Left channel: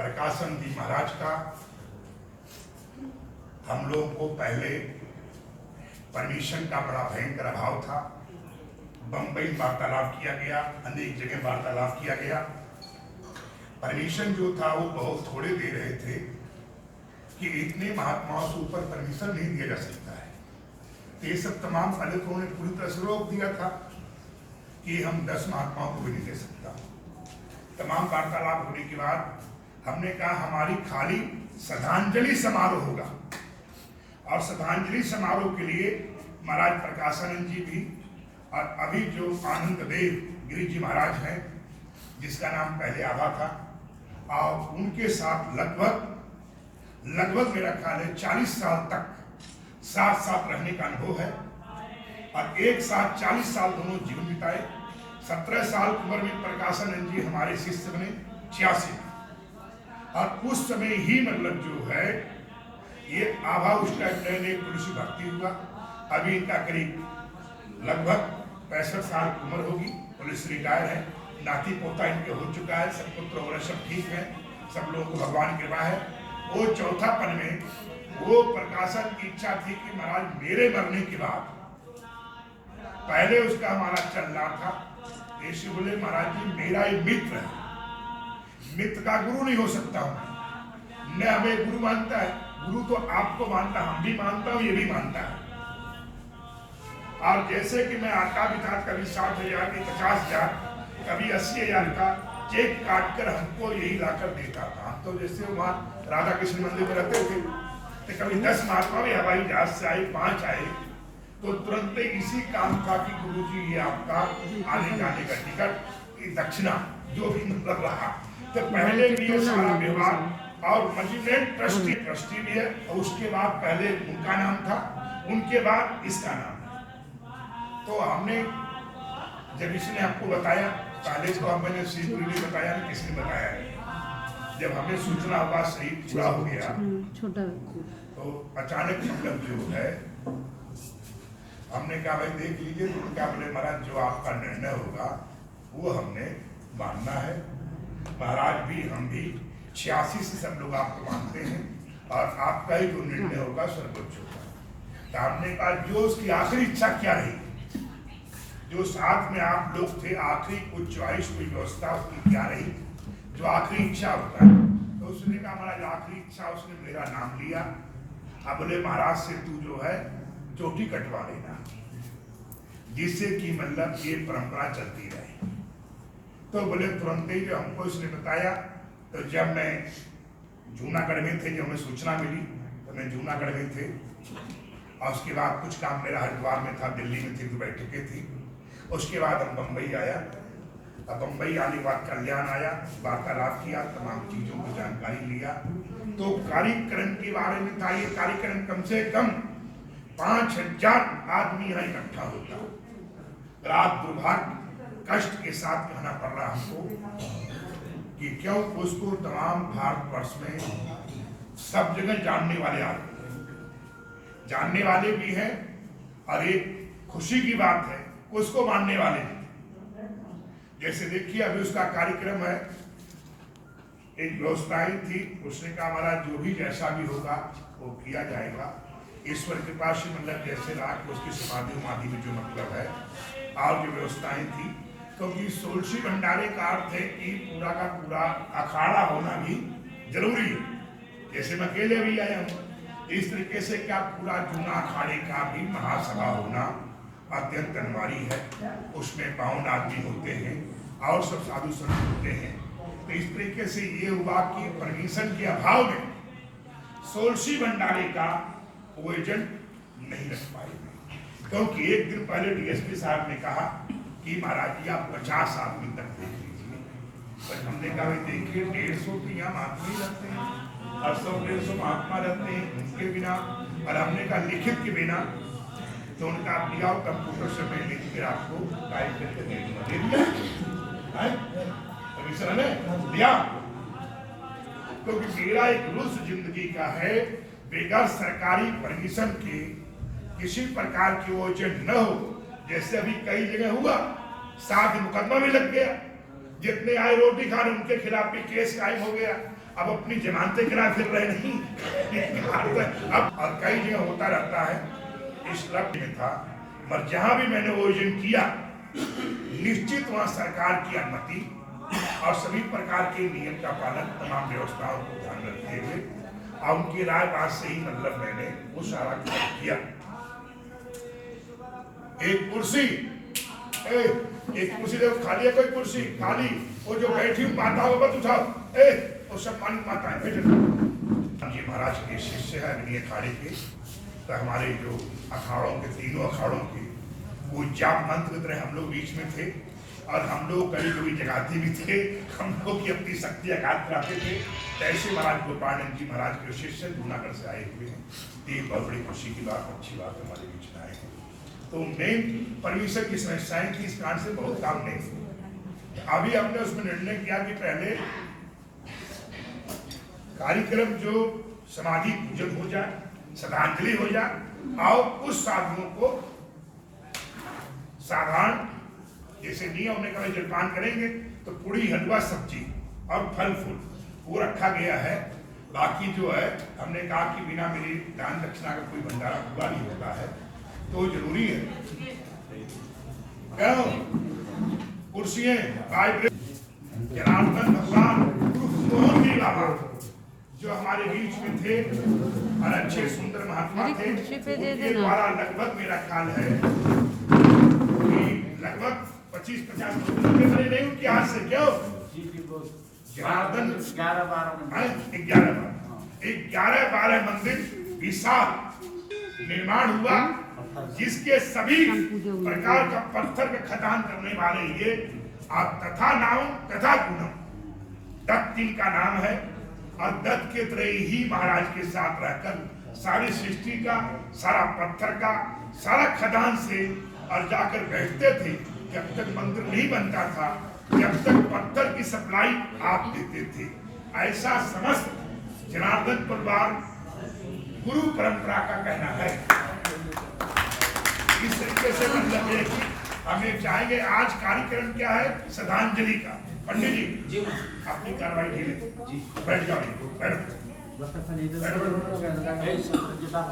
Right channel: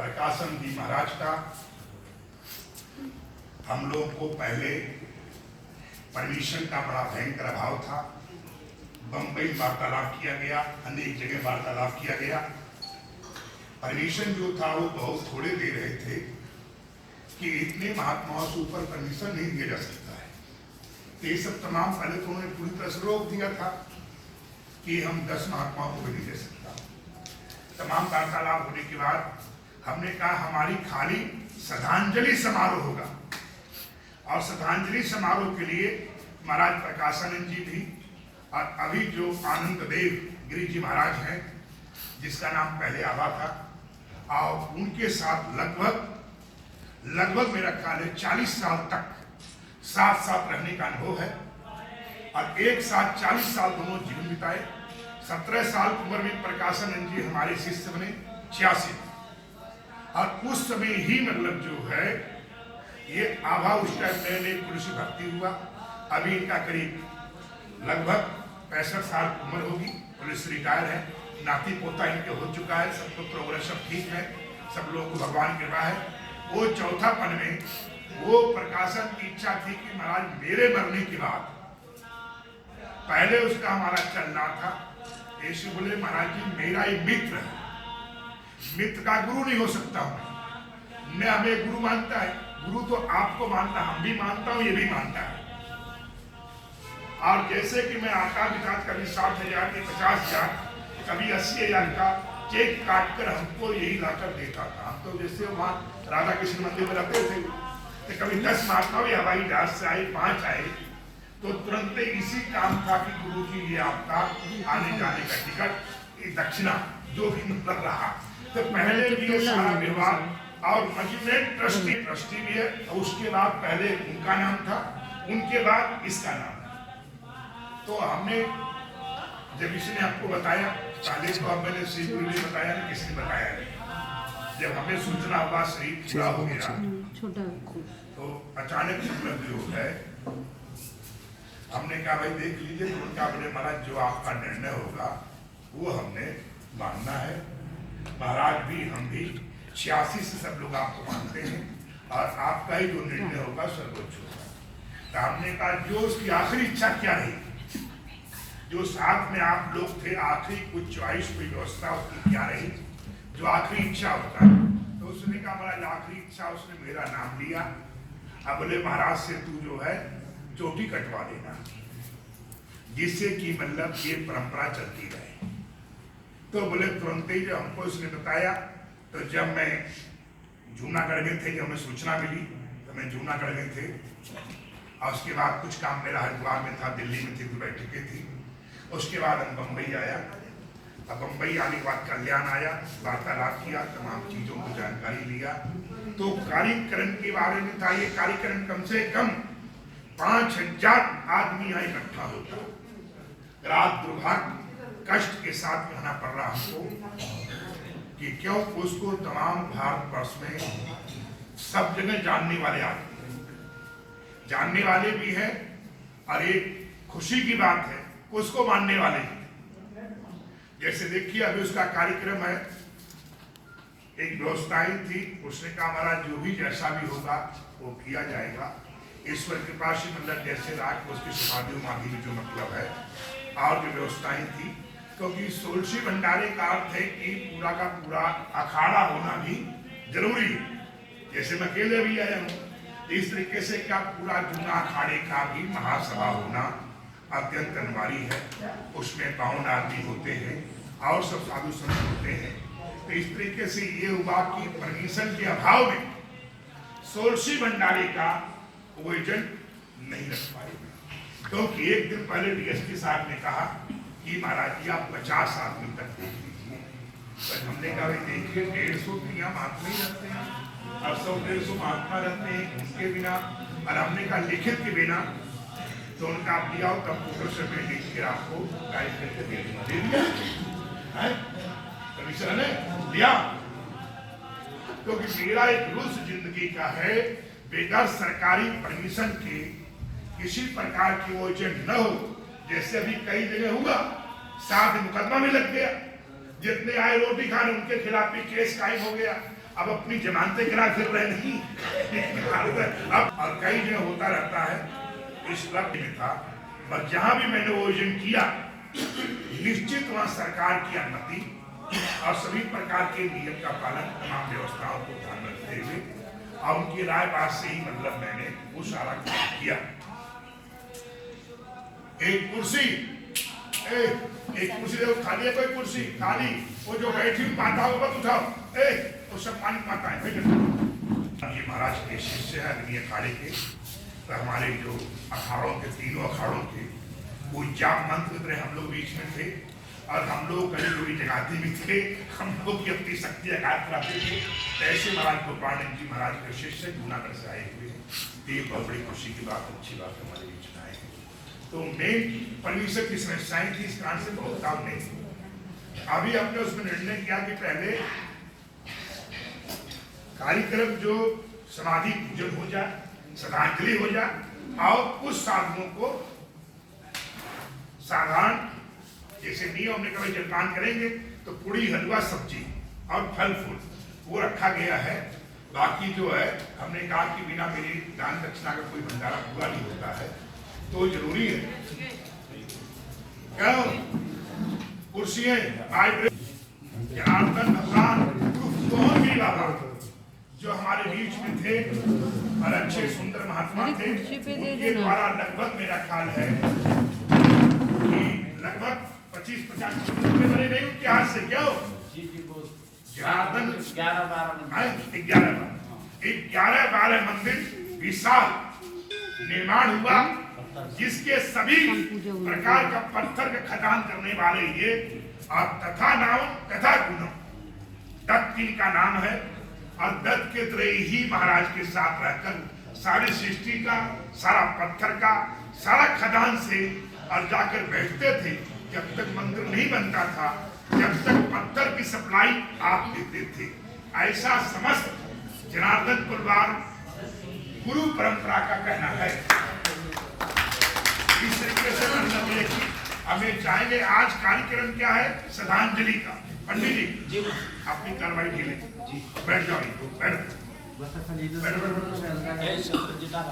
प्रकाशन जी महाराज का हम लोग को पहले परमिशन का बड़ा भयंकर अभाव था। बंबई वार्तालाप किया गया, अनेक जगह वार्तालाप किया गया। परमिशन जो था वो बहुत थोड़े दे रहे थे कि इतने महात्माओं से ऊपर परमिशन नहीं दिया जा सकता है। ये सब तमाम पहले तो उन्होंने पूरी तरह से रोक दिया था कि हम 10 महात्माओं को भी नहीं दे सकता। तमाम वार्तालाप होने के बाद हमने कहा हमारी खाली श्रद्धांजलि समारोह होगा, और श्रद्धांजलि समारोह के लिए महाराज प्रकाशानंद जी भी और अभी जो आनंद देव गिरी जी महाराज हैं, जिसका नाम पहले आवा था, और उनके साथ लगभग मेरा ख्याल है 40 साल तक साथ साथ रहने का अनुभव है, और एक साथ 40 साल दोनों जीवन बिताए। 17 साल उम्र में प्रकाशानंद जी हमारे शिष्य बने 86 में, और उस समय ही मतलब जो है ये आभा उस टाइम नए पुरुषी भक्ति हुआ। अभी इनका करीब लगभग 65 साल उम्र होगी, पुलिस रिटायर है, नाती पोता इनके हो चुका है, सब पुत्र वगैरह सब ठीक है, सब लोगों को भगवान की कृपा है। वो चौथापन में वो प्रकाशन की इच्छा थी कि महाराज मेरे मरने के बाद, पहले उसका हमारा चल रहा था, ऐसे बोले महाराज जी मेरा एक मित्र है, मित्र का गुरु नहीं हो सकता हूं, न हमें गुरु मानता है, गुरु तो आपको मानता, हम भी मानता हूं, ये भी मानता है। और जैसे कि मैं आता भी था, कभी 60,000 के 50,000, कभी 80,000 का चेक काट कर हमको यही लाकर देता था। तो जैसे वहाँ राधा कृष्ण मंदिर में रहते थे, तो कभी 10 महात्मा भी हवाई जहाज से आए, 5 आए, तो तुरंत इसी काम था कि गुरु जी ये आपका आने जाने का टिकट, ये दक्षिणा जो भी मतलब रहा। तो पहले भी ये सारा व्यवहार, और मजिस्ट्रेट ट्रस्टी भी है, और उसके बाद पहले उनका नाम था, उनके बाद इसका नाम है। तो हमने जब इसने आपको बताया, पहले तो अब मैंने सीधे बताया नहीं, किसी ने बताया नहीं। जब हमें सूचना हुआ सही पूरा हो गया, तो अचानक मतलब जो है हमने कहा भाई देख लीजिए, तो उनका बोले महाराज जो आपका निर्णय होगा वो हमने मानना है। महाराज भी हम भी 86 से सब लोग आपको मानते हैं, और आपका ही जो निर्णय होगा सर्वोच्च होगा। तो आपने कहा जो उसकी आखिरी इच्छा क्या रही, जो साथ में आप लोग थे, आखिरी कुछ चॉइस कोई व्यवस्था उसकी क्या रही, जो आखिरी इच्छा होता है। तो उसने कहा महाराज आखिरी इच्छा, उसने मेरा नाम लिया। अब बोले महाराज से तू जो है चोटी कटवा लेना, जिससे कि मतलब ये परंपरा चलती रहे। तो बोले तुरंत ही जो हमको इसने बताया, तो जब मैं जूनागढ़ में थे, जब हमें सूचना मिली तो मैं जूनागढ़ में थे, और उसके बाद कुछ काम मेरा हरिद्वार में था, दिल्ली में थी, तो बैठकें थी। उसके बाद हम बम्बई आया, अब बम्बई आने के बाद कल्याण आया, वार्तालाप किया, तमाम चीज़ों की जानकारी लिया। तो कार्यक्रम के बारे में था, ये कार्यक्रम कम से कम 5,000 आदमी यहाँ इकट्ठा होता, रात दुर्भाग्य कष्ट के साथ कहना पड़ रहा हमको कि क्यों उसको तमाम भारतवर्ष में सब जगह जानने वाले आते हैं, जानने वाले भी हैं, और एक खुशी की बात है उसको मानने वाले हैं। जैसे देखिए अभी उसका कार्यक्रम है, एक व्यवस्थाएं थी, उसने कहा हमारा जो भी जैसा भी होगा वो किया जाएगा, ईश्वर कृपा से मतलब जैसे राग उसकी समाधि उमाधि में जो मतलब है, और जो व्यवस्थाएं थी, क्योंकि सोलसी भंडारे का अर्थ है कि पूरा का पूरा अखाड़ा होना भी जरूरी है। जैसे मैं अकेले भी आया हूँ, इस तरीके से क्या पूरा जूना अखाड़े का भी महासभा होना अत्यंत अनिवार्य है। उसमें पावन आदमी होते हैं और सब साधु संत होते हैं। तो इस तरीके से ये हुआ कि परमिशन के अभाव में सोलसी भंडारे का वो एजेंट नहीं रख पाएगा, क्योंकि एक दिन पहले डीएसपी साहब ने कहा कि महाराज जी आप 50 आदमी तक देख लीजिए। तो हमने कहा भाई देखिए 150 तो यहाँ महात्मा ही रहते हैं, 100-150 महात्मा रहते हैं, उनके बिना, और हमने कहा लिखित के बिना, तो उनका आप लिया कंप्यूटर से मैं लिख के आपको टाइप करके दे दूंगा, दे दिया परमिशन है दिया। क्योंकि मेरा एक रूल्स जिंदगी का है, बेगर सरकारी परमिशन के किसी प्रकार की वो एजेंट न हो। जैसे अभी कई जगह हुआ, साथ मुकदमा भी लग गया, जितने आए रोटी खाने उनके खिलाफ भी केस कायम हो गया। अब अपनी जमानतें गिरा फिर रहे नहीं अब और कई जगह होता रहता है। इस लक्ष्य में था, पर जहां भी मैंने वो एजेंट किया निश्चित वहां सरकार की अनुमति और सभी प्रकार के नियम का पालन, तमाम व्यवस्थाओं को ध्यान रखते हुए और उनकी राय बात से ही मतलब मैंने वो सारा काम किया। एक कुर्सी देखो खाली है, कोई कुर्सी खाली, वो जो बैठी हुई माता हो मत उठाओ, वो सब पानी माता है। जी महाराज के शिष्य है अग्नि अखाड़े के, तो हमारे जो अखाड़ों के तीनों अखाड़ों के वो जाप मंत्र रहे, हम लोग बीच में थे और हम लोग कभी कभी जगाते भी थे, हम लोग की अपनी शक्ति आघात कराते थे। ऐसे महाराज गोपानंद जी महाराज के शिष्य जूनागढ़ से आए हुए हैं। ये बहुत बड़ी खुशी की बात, अच्छी बात हमारे बीच में आए। तो मेन परमेश्वर की समस्याएं थी, इस कारण से बहुत काम नहीं थी। अभी हमने उसमें निर्णय किया कि पहले कार्यक्रम जो समाधि पूजन हो जाए, श्रद्धांजलि हो जाए और उस साधुओं को साधारण जैसे नियम ने कभी जलपान करेंगे तो पूरी हलवा सब्जी और फल फूल वो रखा गया है। बाकी जो है हमने कहा कि बिना मेरी दान दक्षिणा का कोई भंडारा पूरा नहीं होता है, तो जरूरी है। क्यों कुर्सियां जनार्दन भगवान कौन के अलावा जो हमारे बीच में थे और अच्छे सुंदर महात्मा थे, उनके द्वारा लगभग मेरा ख्याल है कि लगभग 25-50 बने नहीं उनके हाथ से। क्यों जनार्दन 11-12 मंदिर विशाल निर्माण हुआ, जिसके सभी प्रकार का पत्थर का खदान करने वाले ये और तथा नाम तथा गुणम दत्त का नाम है। और दत्त के त्रय ही महाराज के साथ रहकर सारी सृष्टि का, सारा पत्थर का, सारा खदान से और जाकर बैठते थे। जब तक मंदिर नहीं बनता था, जब तक पत्थर की सप्लाई आप देते थे। ऐसा समस्त जनार्दन परिवार गुरु परंपरा का कहना है। इस तरीके से मतलब है कि हमें चाहेंगे। आज कार्यक्रम क्या है? श्रद्धांजलि का। पंडित जी अपनी कार्रवाई ढीले बैठ जाओ,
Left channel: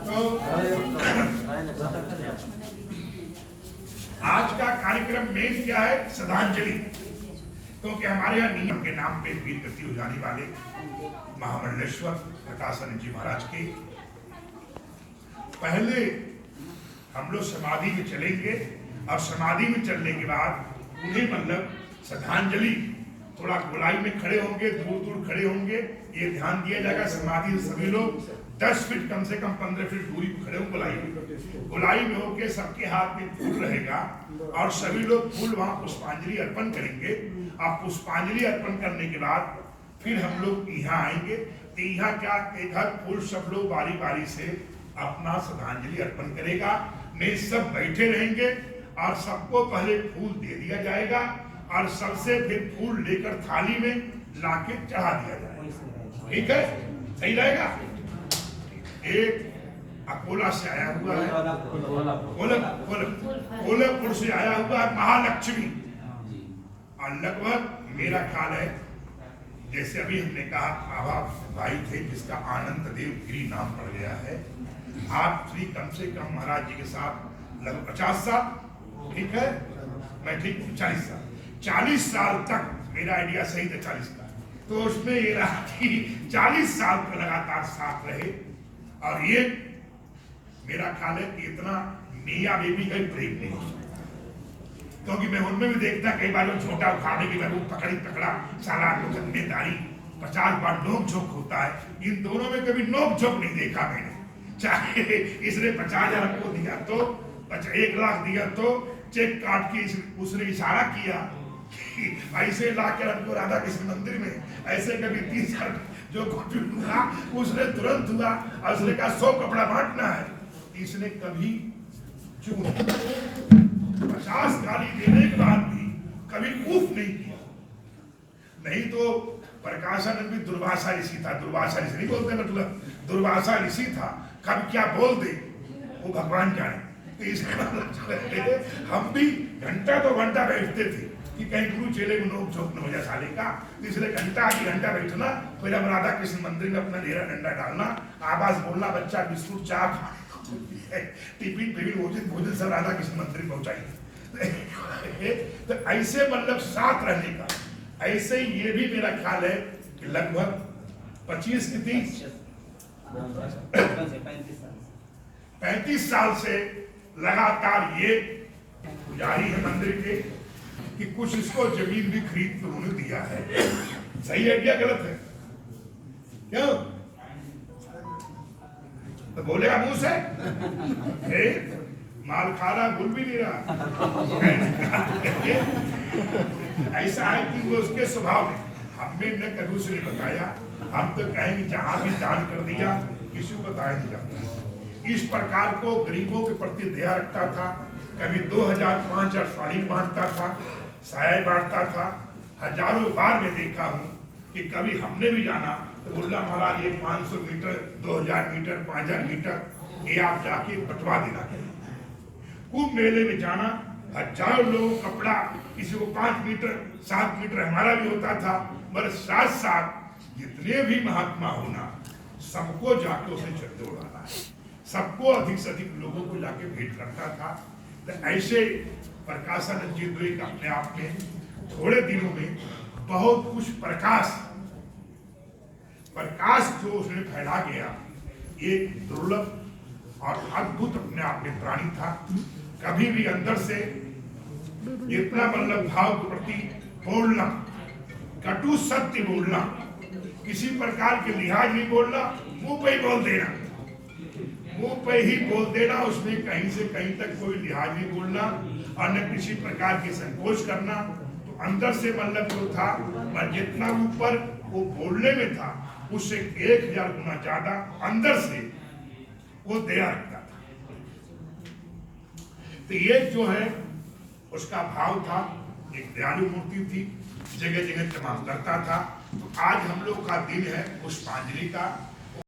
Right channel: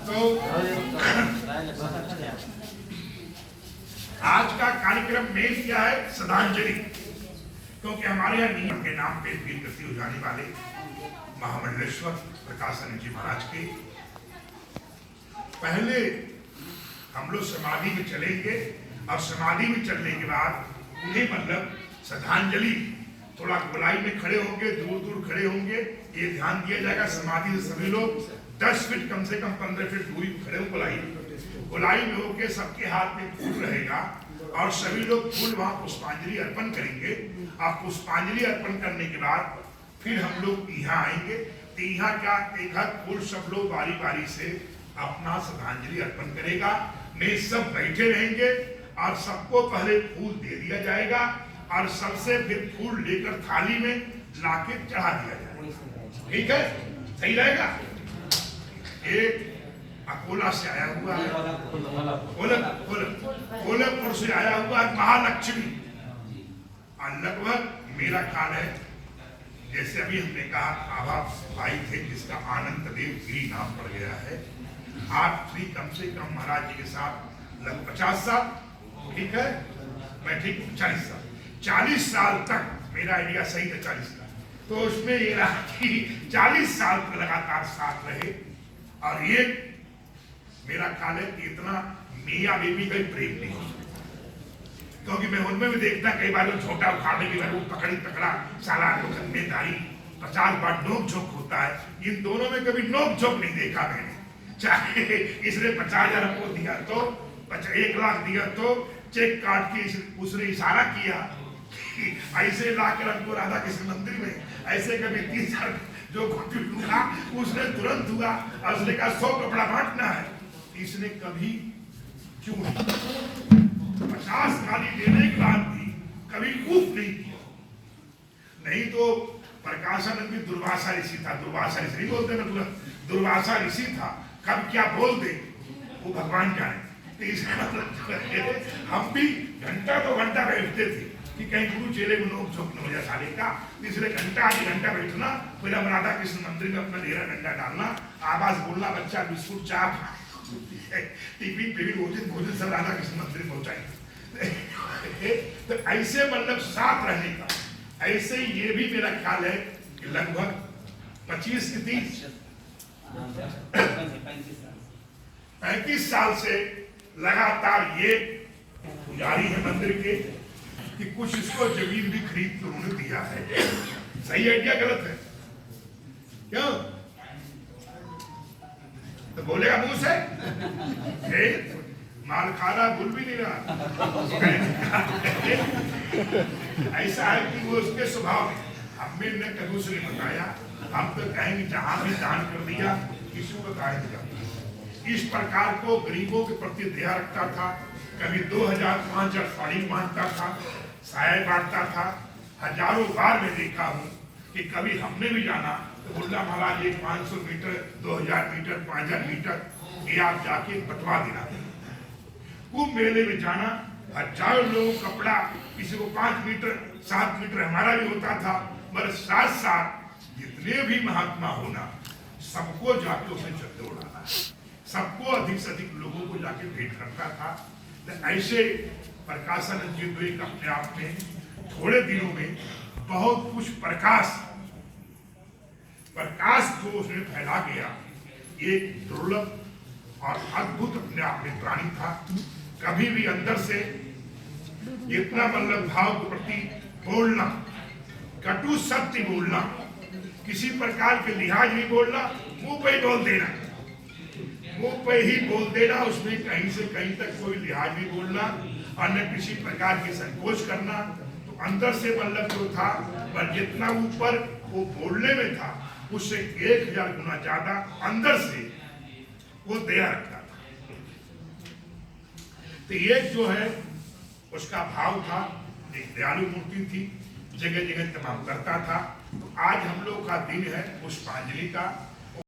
तो आज का कार्यक्रम मेन क्या है? श्रद्धांजलि। क्योंकि हमारे यहाँ नियम के नाम पे वीर गति हो जाने वाले महामंडलेश्वर प्रकाशानंद जी महाराज के पहले हम लोग समाधि में चलेंगे और समाधि में चलने के बाद उन्हें मतलब श्रद्धांजलि थोड़ा गोलाई में खड़े होंगे, दूर दूर खड़े होंगे, ये ध्यान दिया जाएगा। समाधि से सभी लोग 10 फीट कम से कम 15 फीट दूरी पर खड़े हो। गोलाई में होके सबके हाथ में फूल रहेगा और सभी लोग फूल वहां पुष्पांजलि अर्पण करेंगे। आप पुष्पांजलि अर्पण करने के बाद फिर हम लोग यहाँ आएंगे। तो यहाँ क्या एक हर फूल सब लोग बारी बारी से अपना श्रद्धांजलि अर्पण करेगा। मैं सब बैठे रहेंगे और सबको पहले फूल दे दिया जाएगा और सबसे फिर फूल लेकर थाली में लाके चढ़ा दिया जाएगा। ठीक है, सही रहेगा। एक अकोला से आया हुआ है, कोल्हापुर से आया हुआ है महालक्ष्मी, और लगभग मेरा ख्याल है जैसे अभी हमने कहा आभा भाई थे जिसका आनंद देव गिरी नाम पड़ गया है। आप श्री कम से कम महाराज जी के साथ लगभग 50 साल, ठीक है, मैं ठीक 40 साल, 40 साल तक मेरा आइडिया सही था 40 साल। तो उसमें ये रहा कि 40 साल तक लगातार साथ रहे। और ये मेरा ख्याल है कि इतना मियां बीवी का प्रेम नहीं हो सकता, क्योंकि मैं उनमें भी देखता कई बार छोटा उखाड़े की वो पकड़ा साला खदमेदारी 50 बार नोक झोंक होता है। इन दोनों में कभी नोक झोंक नहीं देखा मैंने। चाहे इसने 50,000 आपको दिया तो 1 लाख दिया तो चेक काट के उसने इशारा किया ऐसे लाकर हमको राधा कृष्ण मंदिर में ऐसे कभी 30 साल जो हुआ उसने तुरंत हुआ और उसने कहा 100 कपड़ा बांटना है। इसने कभी क्यों 50 गाली देने के बाद भी कभी उफ नहीं किया। नहीं तो प्रकाशानंद भी दुर्वासा ऋषि था, दुर्वासा ऋषि नहीं बोलते मतलब दुर्वासा ऋषि था, कब क्या बोल दे वो भगवान जाने। हम भी घंटा तो घंटा बैठते थे, कि कहीं गुरु चेले में नोक झोंक न हो जाए साले का। इसलिए घंटा आधे घंटा बैठना, फिर हम राधा कृष्ण मंदिर में अपना डेरा डंडा डालना, आवाज बोलना, बच्चा बिस्कुट चाप टिफिन पिफिन भोजन सब राधा कृष्ण मंदिर में पहुंचाएंगे। तो ऐसे मतलब साथ रहने का, ऐसे ये भी मेरा ख्याल है कि लगभग 25 की 35 साल से लगातार ये पुजारी है मंदिर के, कि कुछ इसको जमीन भी खरीद तो उन्होंने दिया है। सही है क्या गलत है? क्यों तो बोलेगा मुंह से माल खा रहा, भूल भी नहीं रहा। ऐसा है कि वो उसके स्वभाव में, हमें न कभी से नहीं बताया। हम तो कहेंगे जहां भी दान कर दिया, किसी को बताया नहीं जाता। इस प्रकार को गरीबों के प्रति दया रखता था। कभी 2000 5000 साड़ी बांटता था, साया बांटता था। हजारों बार मैं देखा हूँ कि कभी हमने भी जाना तो बोला महाराज ये 500 मीटर, 2000 मीटर, 5000 मीटर ये आप जाके बंटवा देना। कुंभ मेले में जाना, हजारों लोगों कपड़ा, किसी को 5 मीटर 7 मीटर, हमारा भी होता था। मगर साथ साथ जितने भी महात्मा होना, सबको जाके उसने चलते उड़ाना, सबको अधिक से अधिक लोगों को जाके भेंट करता था। तो ऐसे प्रकाशानंद जी द्वैत अपने आप में थोड़े दिनों में बहुत कुछ प्रकाश जो उसने फैला गया, एक दुर्लभ और अद्भुत अपने आप में प्राणी था। कभी भी अंदर से इतना मतलब भाव के प्रति बोलना, कटु सत्य बोलना, किसी प्रकार के लिहाज नहीं बोलना, मुंह पे ही बोल देना, मुंह पे ही बोल देना, उसमें कहीं से कहीं तक कोई लिहाज नहीं बोलना और न किसी प्रकार की संकोच करना। तो अंदर से मतलब जो था, पर जितना ऊपर वो बोलने में था, उससे 1000 गुना ज्यादा अंदर से वो दया रखता था। तो ये जो है उसका भाव था, एक दयालु मूर्ति थी, जगह जगह तमाम करता था। तो आज हम लोग का दिन है पुष्पांजलि का।